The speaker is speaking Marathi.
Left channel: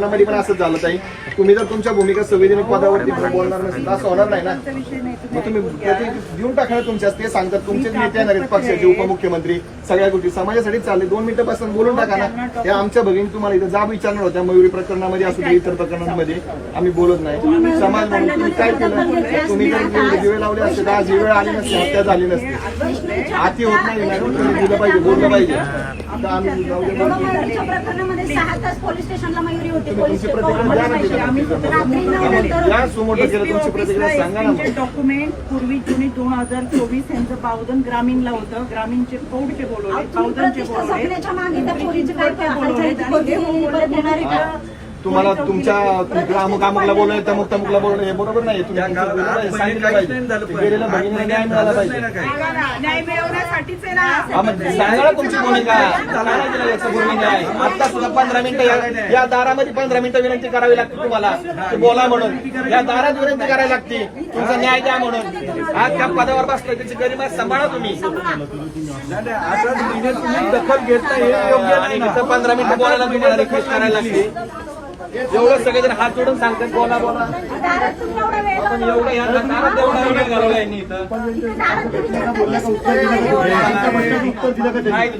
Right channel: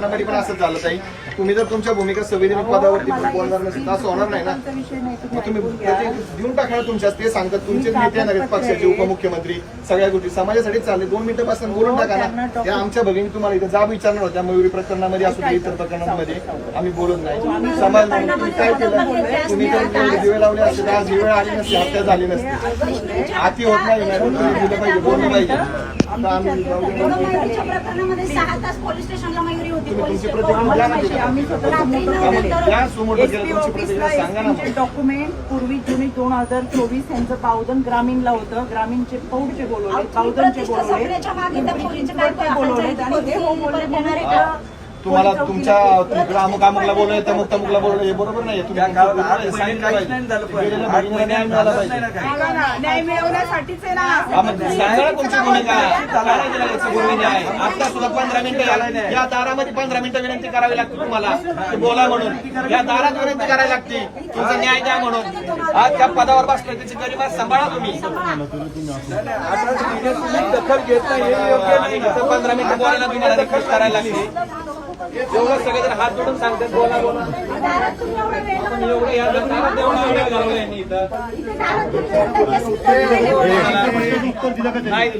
प्रकरणामध्ये पण असंच झालं ताई. तुम्ही जर तुमच्या भूमिका संविधानिक पदावरती बोलणार नसेल तर असं होणार नाही ना. मग तुम्ही त्याचे देऊन टाका तुमच्या ते सांगतात. तुमचेच नेते आहेत पक्षाचे उपमुख्यमंत्री सगळ्या गोष्टी. समाजासाठी चालले. दोन मिनिटं पासून बोलून टाका ना. त्या आमच्या भगिनी तुम्हाला इथं जाब विचारणार होत्या. मयुरी प्रकरणामध्ये असू दे इतर प्रकरणांमध्ये. आम्ही बोलत नाही. समाज म्हणून काय केलं? तुम्ही जर दिवे लावले असते तर आज ही वेळ आली नसती हत्या झाली नसती. आती होत नाही मॅडम. तुम्ही दिलं पाहिजे बोललं पाहिजे. मयुरीच्या प्रकरणामध्ये सहा तास पोलीस स्टेशनला मयुरी होती. पोलीस रात्री नंतर. डॉक्युमेंट पूर्वी जुनी दोन हजार चोवीस यांचं पावदन ग्रामीणला होतं. ग्रामीणचे पौडचे बोलवले पावदनचे बोलवले. तुम्हाला तुमच्या अमुक अमुकला बोलवलं तमुक तमुकला बोलवलं हे बरोबर नाही तुम्ही तुमचं सांगितलं पाहिजे. गेलेल्या भगिनीला न्याय मिळाला पाहिजे. न्याय मिळवण्यासाठीच आहे ना. हा, मग सांगा ना तुमची भूमिका. काय नाही केलं याचं भूमी न्याय आता सुद्धा पंधरा मिनिटं या- या दारामध्ये पंधरा मिनिटं विनंती करावी लागते तुम्हाला. ते बोला म्हणून. या दारात विनंती करावी लागते. तुमचा न्याय द्या म्हणून. आज त्या पदावर बसलोय त्याची गरिमा सांभाळा तुम्ही. दखल घेत नाही हे योग्य नाही. ना आता पंधरा मिनिटं बोलायला तुम्हाला रिक्वेस्ट करायला लागते. जेवढं सगळेजण हात जोडून सांगतात बोला बोला दारात एवढी या इथं. नाही